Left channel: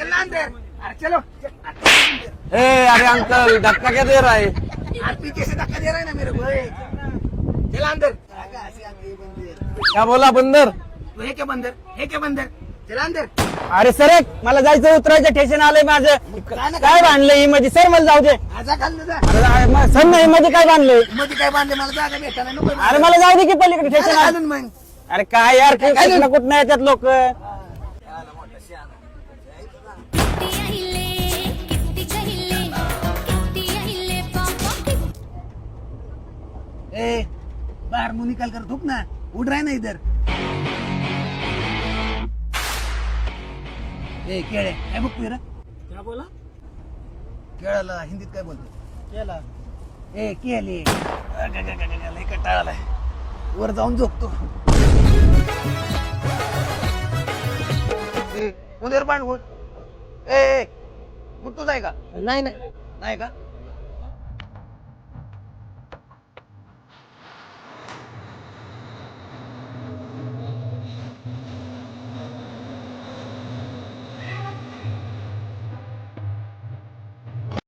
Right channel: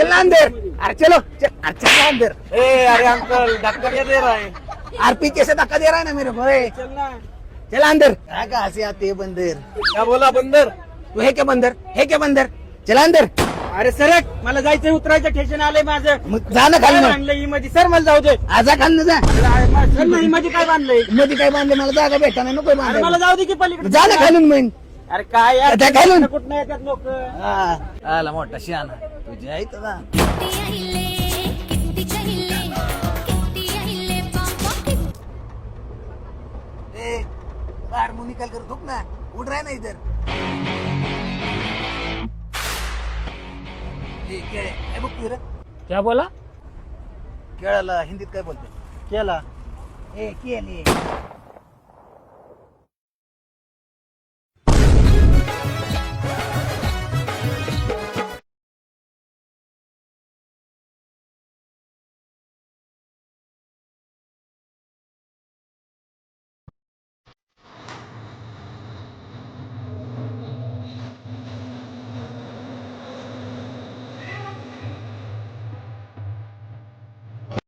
चल अंदर, अरे चलो अरे चलो अंदर। अरे अंकल धक्का क्या दे रहा है? यार पीछे से धक्का दे रहा है ना मेरे को। चल अंदर। कहाँ से आते हैं बंदर? क्या बोला बंदर? तू हे क्या बंदर? हे क्या बंदर? चला अंदर। अरे सर मला जायचं उतरायचं स्टेशन आलंय माझं. मग जा ना काय खाली. बांधलंय ही मध्ये? सर मला जाऊ दे. आजा खाली जा. सर नाही मध्ये काय बांधलंय? मध्ये काय बांधले मला जागा भेटा ना नको अरे मला जाऊ दे की पलीकडे. जा ना खालून मग. अरे काय यार त्या खालून. कुठं येतात लोक. आला मोठा शहाणा तुझी आहे तुझा. ए बाहर मुंह निकल कर थूक ना. उठ रहा है ना इधर. ए केळे काय बघतोय रे? क्या बोला? केळाला हिंदीत काय बोलतो? केला. ए केली लय कंटाळा आलाय. वर जाऊन झोपतो. उधर पण उठ. ए उठतोच आहे का? नाही नाही नाही का?